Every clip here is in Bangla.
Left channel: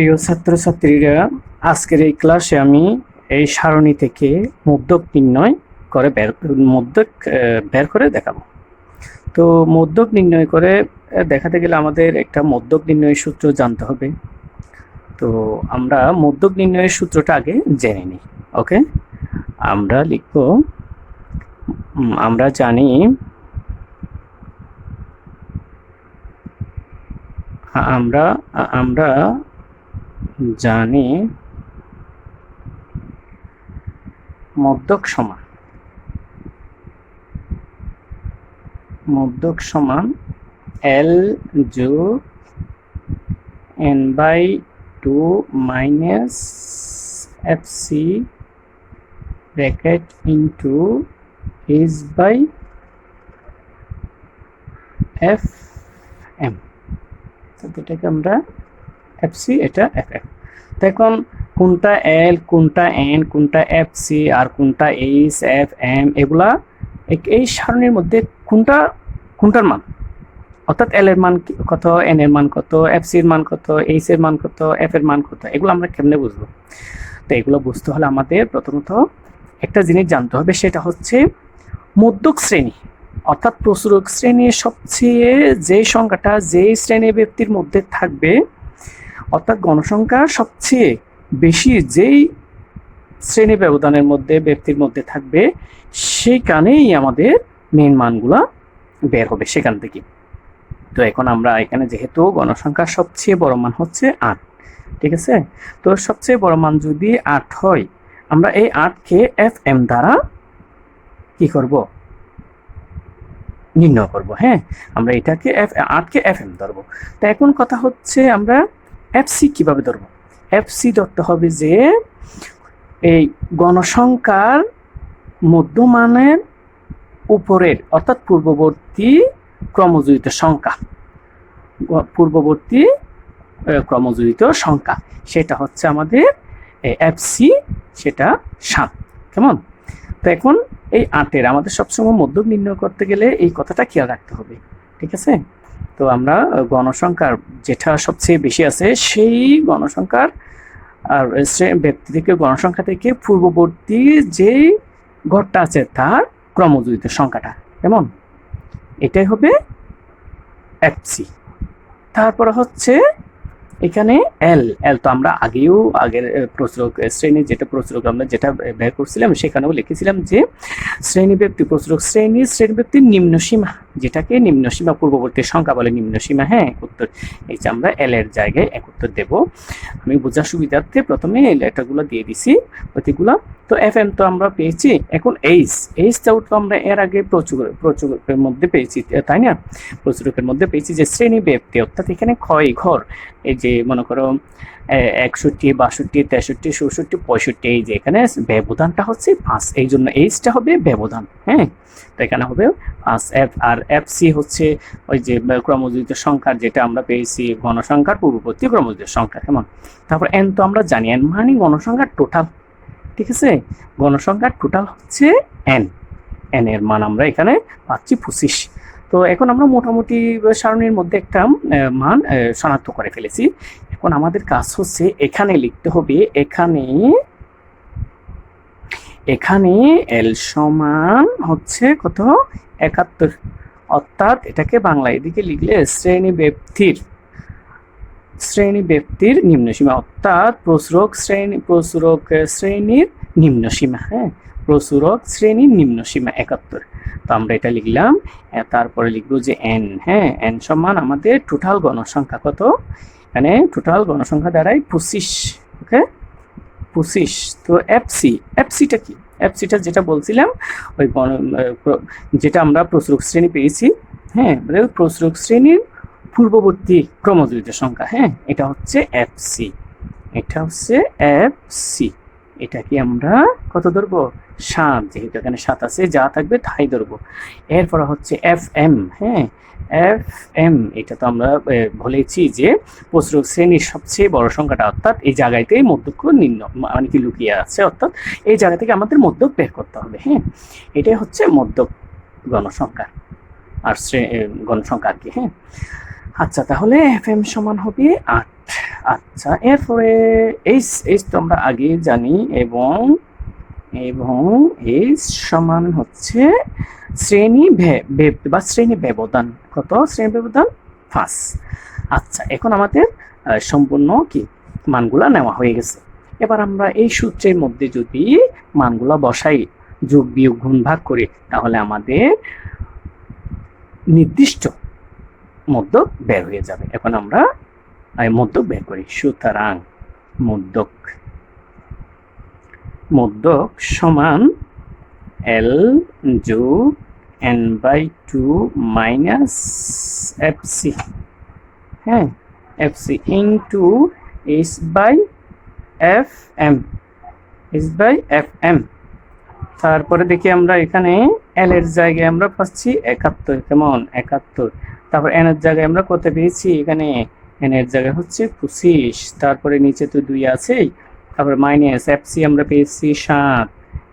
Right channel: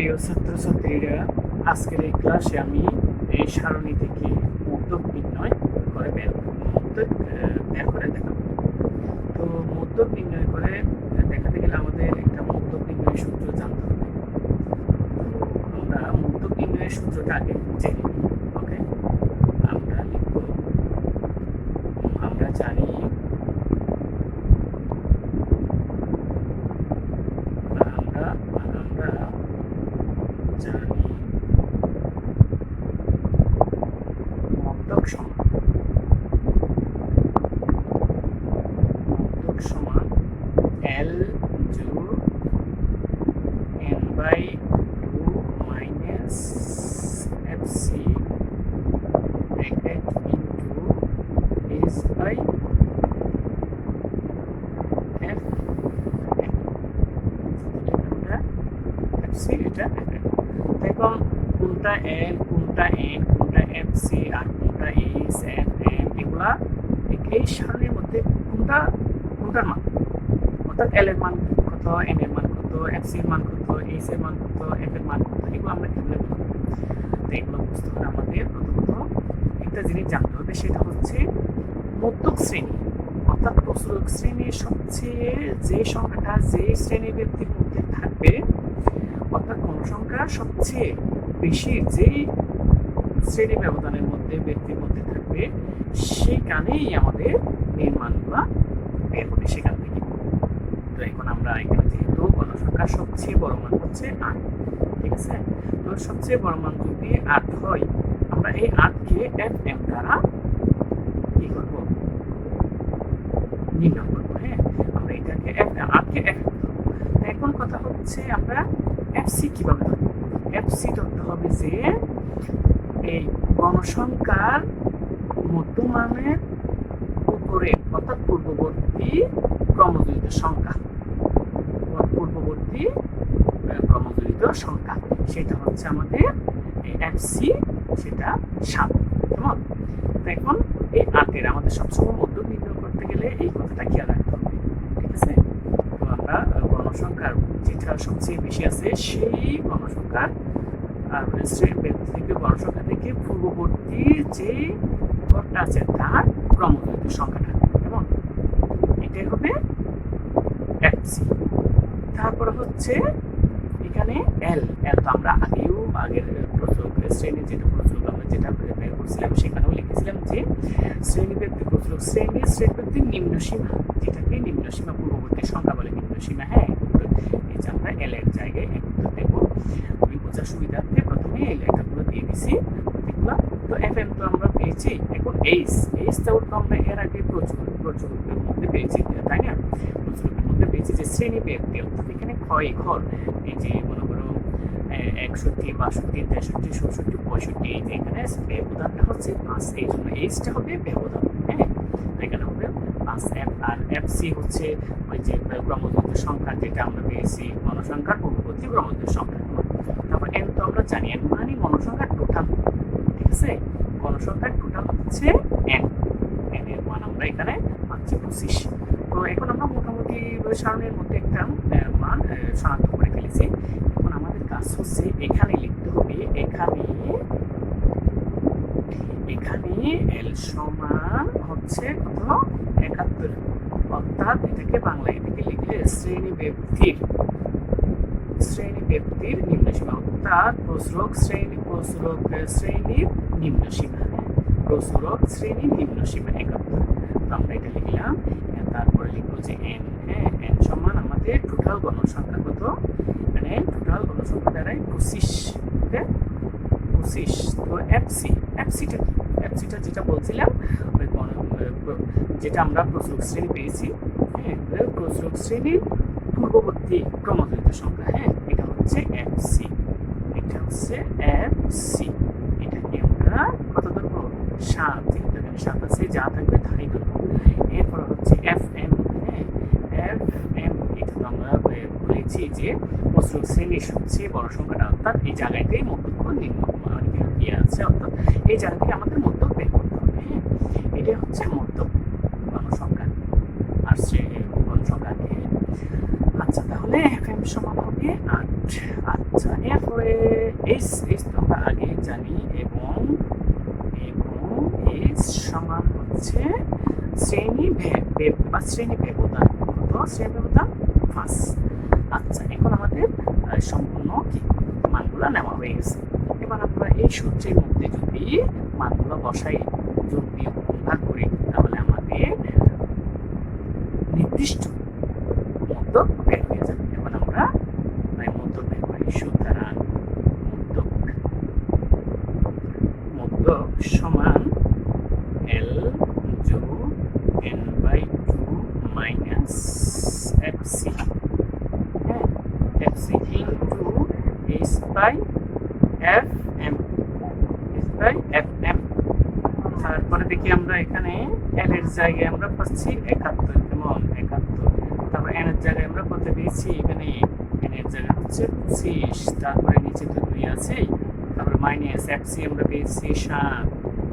প্রিয় ছাত্রছাত্রীরা, আজকের এই ক্লাসে আমি এই সারণী থেকে মদ্যক নির্ণয় করে বের করে দেখাবো। তো মদ্যক নির্ণয় করে দেখাতে গেলে আমাদের একটা মদ্যক নির্ণয়ের সূত্র জানতে হবে। তো আমরা মদ্যক নির্ণয়ের সূত্রটা আগে জেনে নিই। ওকে, আমরা লিখব, আমরা জানি আমরা আমরা জানি মদ্যক সমান L যোগ n/2 minus FC bracket into H/FM। এটাকে আমরা FC, এটা FM। তো এখন কোনটা L, কোনটা N, কোনটা FC আর কোনটা H/FM, এগুলা এই সারণীর মধ্যে কোনটার মান, অর্থাৎ L এর মান কত, N এর মান কত, FC এর মান কত, H এর মান কত, F এর মান কত, এগুলো আমরা কেমনে বুঝবো? তো এগুলো বুঝতে হলে আমাদের প্রথমত একটা জিনিস জানতে হবে, সেটা হচ্ছে মদ্যক শ্রেণী, অর্থাৎ প্রচুরক শ্রেণীর সবচেয়ে যে সংখ্যাটা যে শ্রেণী ব্যক্তির মধ্যে থাকবে, অর্থাৎ গণসংখ্যার সবচেয়ে বেশি যেই শ্রেণী ব্যবধানের মধ্যে ব্যক্তির মধ্যে থাকবে, সেইখানেই আমাদের মেন মানগুলা বের হবে সেখান থেকে। তো এখন আমরা এখানে যেহেতু গণসংখ্যার সবচেয়ে বড় মান হচ্ছে 8, ঠিক আছে? তো সবচেয়ে বড় মান যদি 8 হয়, আমরা এই 8কে FM দ্বারা কি করব, নির্ণয় করব। হ্যাঁ, আমরা এটাকে 8কে FM ধরবো। তো এখন কথা হচ্ছে আমরা FC কিভাবে ধরবো? FC ধরতে হবে যে এই গণসংখ্যার মধ্যমানের উপরের, অর্থাৎ পূর্ববর্তী ক্রমযুক্ত সংখ্যা, সেটা হচ্ছে আমাদের FC, সেটা 7। কেমন? তো এখন এই 8-এর আমাদের সবসময় মধ্যক নির্ণয় করতে গেলে এই কথাটা খেয়াল রাখতে হবে, ঠিক আছে? তো আমরা গণসংখ্যার যেটা সবচেয়ে বেশি আছে সেই গণসংখ্যার আর ব্যক্তি থেকে গণসংখ্যা থেকে পূর্ববর্তী যে ঘরটা আছে তার ক্রমযুক্ত সংখ্যাটা, কেমন? এটাই হবে FC। তারপরে হচ্ছে এখানে L তো আমরা আগের প্রচুরক শ্রেণী, যেটা প্রচুরক আমরা যেটা বের করছিলাম সেখানেও লিখেছিলাম যে শ্রেণীব্যাপ্তি প্রচুরক শ্রেণীব্যাপ্তির নিম্নসীমা, যেটাকে নিম্নসীমা পূর্ববর্তী সংখ্যা বলে নিম্নসীমা। হ্যাঁ, উত্তর এই যে আমরা L এর জায়গায় এক উত্তর দেব। আমি বোঝার সুবিধার্থে প্রথমে এই লেটারগুলো দিয়ে দিছি প্রতীকগুলো। তো FM তো আমরা পেয়েছি। এখন H তো আমরা এর আগে প্রচুরকের মধ্যে পেয়েছি, তাই না? প্রচুরকের মধ্যে পেয়েছি যে শ্রেণীব্যাপ্তি, অর্থাৎ এখানে ক্ষয় ঘর, এই যে মনে করো 61, 62, 63, 64, 65, এই যে এখানে ব্যবধানটা হচ্ছে 5, এই জন্য H-টা হবে ব্যবধান। হ্যাঁ, তো এখানে হবে 5 F, আর FC হচ্ছে ওই যে ক্রমযুক্ত সংখ্যার, যেটা আমরা পেয়েছি গণসংখ্যার পূর্ববর্তী ক্রমযুক্ত সংখ্যা। কেমন? তারপর N তো আমরা জানি, N মানে গণসংখ্যার টোটাল, ঠিক আছে? গণসংখ্যার টোটাল হচ্ছে N এর মান আমরা এখানে পাচ্ছি 25। তো এখন আমরা মোটামুটি সারণীর মধ্যে একটা মান শনাক্ত করে ফেলেছি। এখন আমাদের কাজ হচ্ছে এখানে লিখতে হবে, এখানে L সমান হচ্ছে কত, 71, অর্থাৎ এটাকে বাংলা এদিকে লিখলে শ্রেণীব্যাপ্তির নিম্নসীমা, অর্থাৎ প্রচুরক শ্রেণীর নিম্নসীমা। হ্যাঁ, প্রচুরক শ্রেণীর নিম্নসীমা 71। তো আমরা এটা লিখলাম। তারপরে লিখবো যে N। হ্যাঁ, N সমান আমাদের টোটাল গণসংখ্যা কত, এখানে টোটাল গণসংখ্যা দাঁড়ায় 25। ওকে, 25। তো FCটা কি? FCটা যেটা বলছিলাম, ওই যেটা আমরা প্রচুরক শ্রেণী পেয়েছি। হ্যাঁ, প্রচুরক শ্রেণীর পূর্ববর্তী ক্রমযুক্ত সংখ্যা। হ্যাঁ, এটা হচ্ছে FC, এটা কি আমরা কত ধরবো, 7, যেহেতু এখানে 7 আছে, যা থাকবে তাই ধরবো। এরপর হচ্ছে FM। হ্যাঁ, FM এটা তো আমরা বলেছি যে প্রচুরক শ্রেণীর সবচেয়ে বড় সংখ্যাটা, অর্থাৎ এই জায়গাতেই মধ্যক মানে কি লুকিয়ে আছে, অর্থাৎ এই জায়গা থেকে আমাদের মধ্যক বের করতে হবে। হ্যাঁ, এটাই হচ্ছে মধ্যক গণসংখ্যা আর গণসংখ্যা আর কি। হ্যাঁ, আচ্ছা, তাহলে FM সমান হবে 8, আচ্ছা, এরপরে এইচ এইচ তো আমরা আগেই জানি, এবং এবং এইচ সমান হচ্ছে শ্রেণী বা শ্রেণী ব্যবধান। কত শ্রেণী ব্যবধান? 5। আচ্ছা, এখন আমাদের সম্পূর্ণ কি মানগুলা নেওয়া হয়ে গেছে। এবার আমরা এই সূত্রের মধ্যে যদি মানগুলা বসাই, যোগ বিয়োগ গুণ ভাগ করি, তাহলে আমাদের নির্দিষ্ট মধ্যক বের হয়ে যাবে। এখন আমরা মধ্যক বের করি। সুতরাং মধ্যক সমান L যোগ n/2 মাইনাস FC, হ্যাঁ, FC ইন্টু H/FM। তারপরে দেখি আমরা এখানে L এর জায়গায় আমরা পাচ্ছি 71, কেমন 71। তারপর N এর জায়গায় আমরা কত পেয়েছি? এখানে N এর জায়গায় হচ্ছে 25। তারপরে নিচে তো 2 আছেই। তারপরে মাইনাস FC আমরা পেয়েছি 7,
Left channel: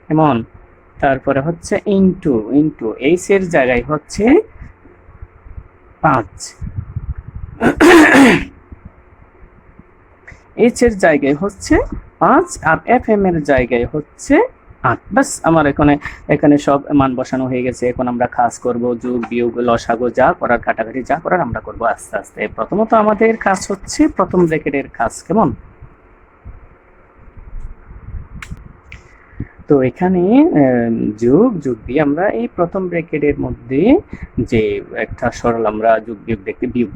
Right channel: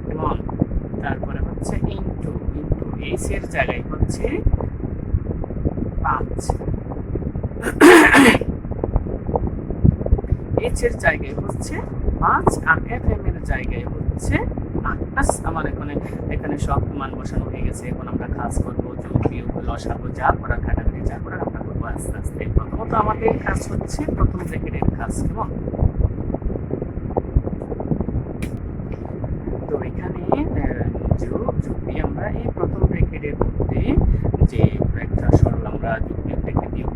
কেমন। তারপরে হচ্ছে ইন্টু H এর জায়গায় হচ্ছে 5, H এর জায়গায় হচ্ছে 5, আর FM এর জায়গায় হচ্ছে 8। বাস আমার এখানে সব মান বসানো হয়ে গেছে। এখন আমরা কাজ করব, যোগ বিয়োগ লসাগু যা করার, কাটাকাটি যা করার আমরা করব আস্তে আস্তে। প্রথমত আমাদের কাজ হচ্ছে প্রথম ব্র্যাকেটের কাজ, কেমন। তো এখানে যোগ দিয়ে আমরা এই প্রথম ব্র্যাকেটের মধ্যে যে একটা সরল আমরা যোগ বিয়োগ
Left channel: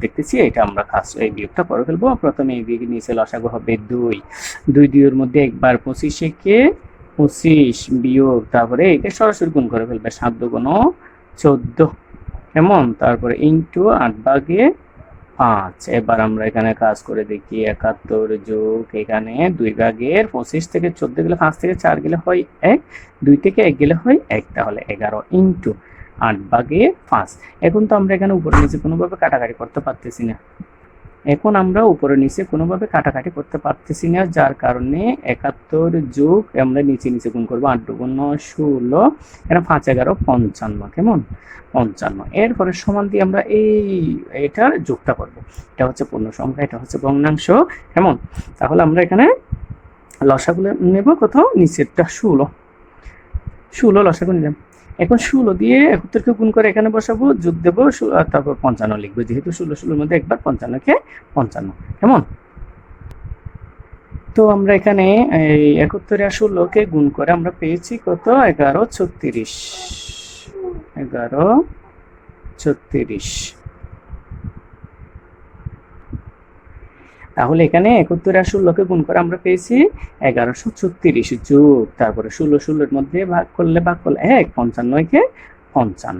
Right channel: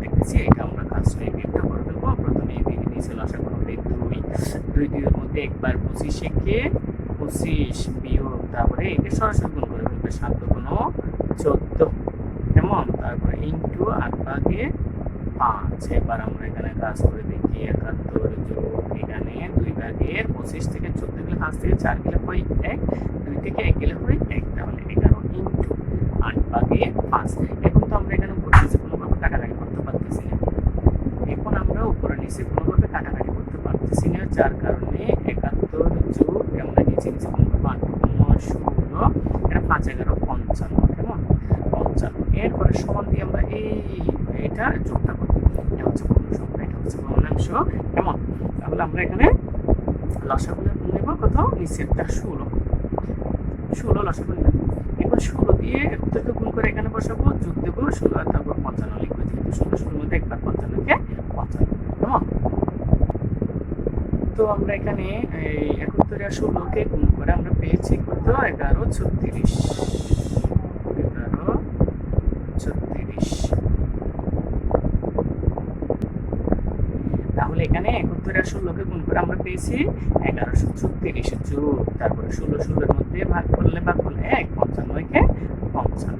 দেখতেছি, এটা আমরা কাজ এই বিয়োগটা করে ফেলবো। প্রথমে এই দিকে নিচে লসাগু হবে 2 এর মধ্যে একবার 25 কে 25 বিয়োগ, তারপরে এটা সরাসরি গুণ করে ফেলবে, 7 দুগুণ 14, কেমন। তারপরে ইন্টু 8/5। এবার আমরা এখানে কাজ করে দেখি, 71 যোগ এখানে 2/25 থেকে 14 গেলে 5 থেকে 4 গেলে হয় 1, 2 থেকে 1 গেলে হয় 1, তাহলে 11 ইন্টু 8/5। এখন তো আমরা এখানে উপরে নিচে কোনোভাবে কাটাকাটি করতে পারতেছি না। যার কারণে 71 যোগ আমরা নিচে গুণ করবো, 8 গুণ 16, এটা 5 11 55, কেমন 55। এরপরে সমান দিয়ে আমরা এটার যোগটা করবো। এটা হচ্ছে পূর্ণ সংখ্যা, এটা হচ্ছে ভগ্নাংশ, কেমন। তাহলে আমরা এখানে লসাগু নেব, কোথাও নিচেরটা 16 লসাগু নিলাম। এখন 16 দিয়ে 71 গুণ করে এখানে বসাবো, যোগ দেবো, আর তারপর 55 লিখবো, যেহেতু 16 মধ্যে একবার 55 কেমন। তো আমরা এখানে এই 71 আর 16 গুণ করে আমরা পেয়েছি কত? 1136। তাহলে এখানে 71 আর 16 গুণ করে আমরা পেয়েছি 1136 যোগ, তারপরে 16 এর মধ্যে ভাগ করলে 1, 55 55।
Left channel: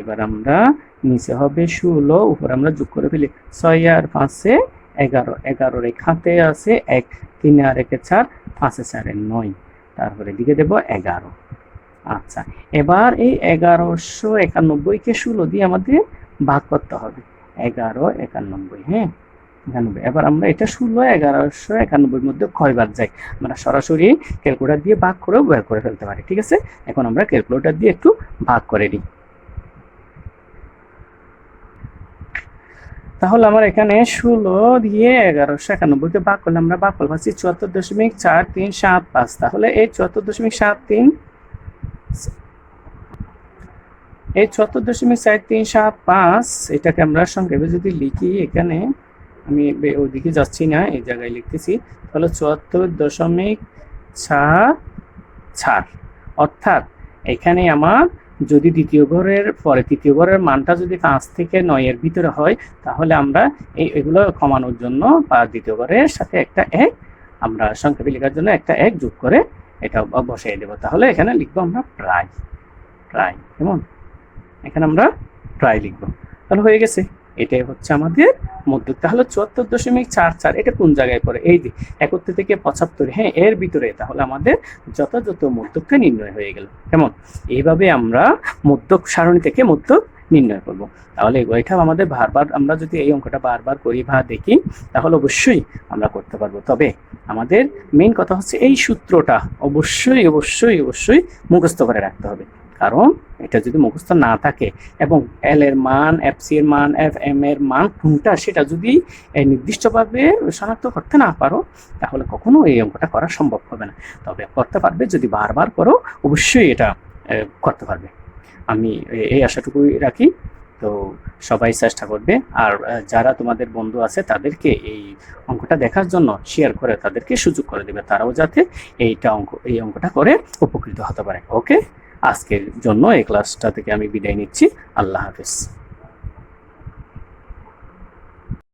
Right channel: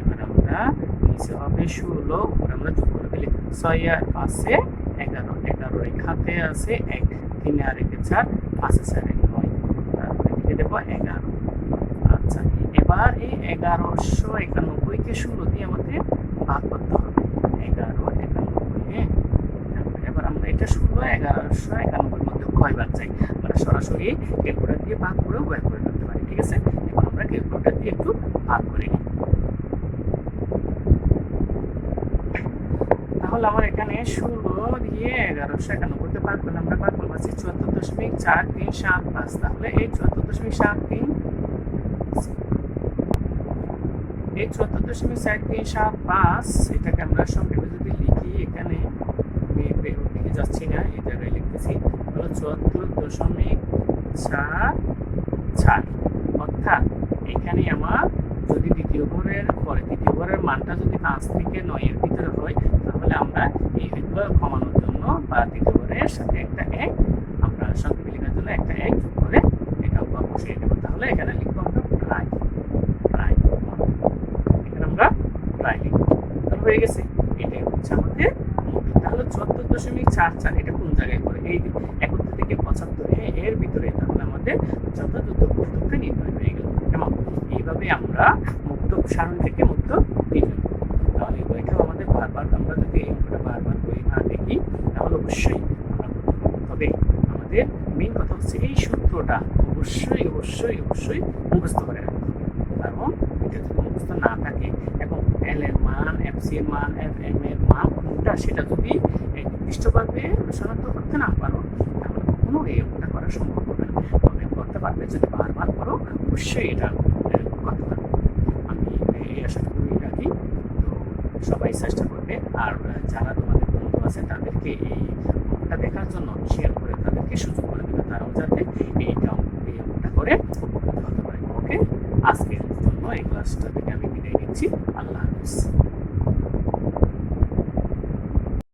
এবার আমরা নিচে হবে 16, উপরে আমরা যোগ করে ফেলি, 6 আর 5 11, 11 এই খাতে আছে 1, 3 আর 1 4, 5 4 9, তারপরে দিকে দেব 11। এবার এই 1191 কে 16 দিয়ে আমাদের ভাগ করতে হবে, 1191, হ্যাঁ 91। এবার আমরা এটা 16 1191 মধ্যে কয়বার যাই, আমরা সরাসরি ক্যালকুলেটর দিয়ে ভাগ করেও বের করে ফেলতে পারি, ঠিক আছে। এখন আমরা ক্যালকুলেটর দিয়ে একটু ভাগ করে নিই। তাহলে আমার এখানে 16 দিয়ে 1191 কে ভাগ করলে আমরা ভাগফল পাচ্ছি 74.4375। তাহলে এই 74.4375 এটাকে আমরা সংক্ষেপে যদি লিখি, এখানে আমি ওইদিকে যাচ্ছি না, এই জায়গায় লিখতেছি, তাহলে 74.44। অর্থাৎ এখানে আমার যদি দ্বিতীয় ঘরের পরে তৃতীয় ঘরের মানটা যদি 5 থেকে 9 এর ভিতরে হয়, তাহলে আমরা এগুলো কমানোর জন্য বা দ্বিতীয় ঘরের সাথে একটা 1 আমরা সংক্ষেপে লেখার জন্য একটা 1 যোগ করে এটা বসিয়ে দেবো। তাহলে এখানে লিখবো আমরা প্রায়, কেমন, এখানে আমরা প্রায় লিখবো। তাহলে হয়ে গেছে, এটাই হচ্ছে আমাদের মধ্যক। তাহলে 74.44 এটা কোন জায়গায় পড়ে? এই যে 71 থেকে 75, হ্যাঁ এর ভিতরে। তাহলে আমাদের যথাযথ মধ্যকটা নির্ণয় হয়ে গেল, কেমন। এইভাবে আমরা মধ্যক সারণী থেকে মধ্যক নির্ণয় করব। তাহলে এটা আমাদের বারবার, আমরা যদি এই অঙ্কটা বারবার করি বা দেখি, তাহলে অবশ্যই আমরা করতে পারবো। তবে আমাদের মেইন কথা হচ্ছে এই সূত্রটা অবশ্যই মুখস্থ করে রাখতে হবে, কারণ এটা যদি মুখস্থ না থাকে এবং এল এর মান, এফ সি এর মান, এফ এম এর মান কোনটা সেটা যদি নির্দিষ্টভাবে শনাক্ত করতে না পারো, তাহলে কখনো এই অঙ্কটা করা সম্ভব হবে না। তবে করতে পারবে যদি বারবার করো, অবশ্যই এটা করতে পারবে। আমি এই আশাটুকুই রাখি। তো সবাই চেষ্টা করবে, আর যারা তোমাদের বন্ধু আছে তাদেরকে এই অঙ্কটা দেখার জন্য শেয়ার করে তাদেরকে সুযোগ করে দেবে, তারাও যাতে এই অঙ্কটা করে উপকৃত হতে পারে। ওকে, আজকের জন্য এই ক্লাসটা থেকে আমি বিদায় নিচ্ছি। আল্লাহ হাফিজ।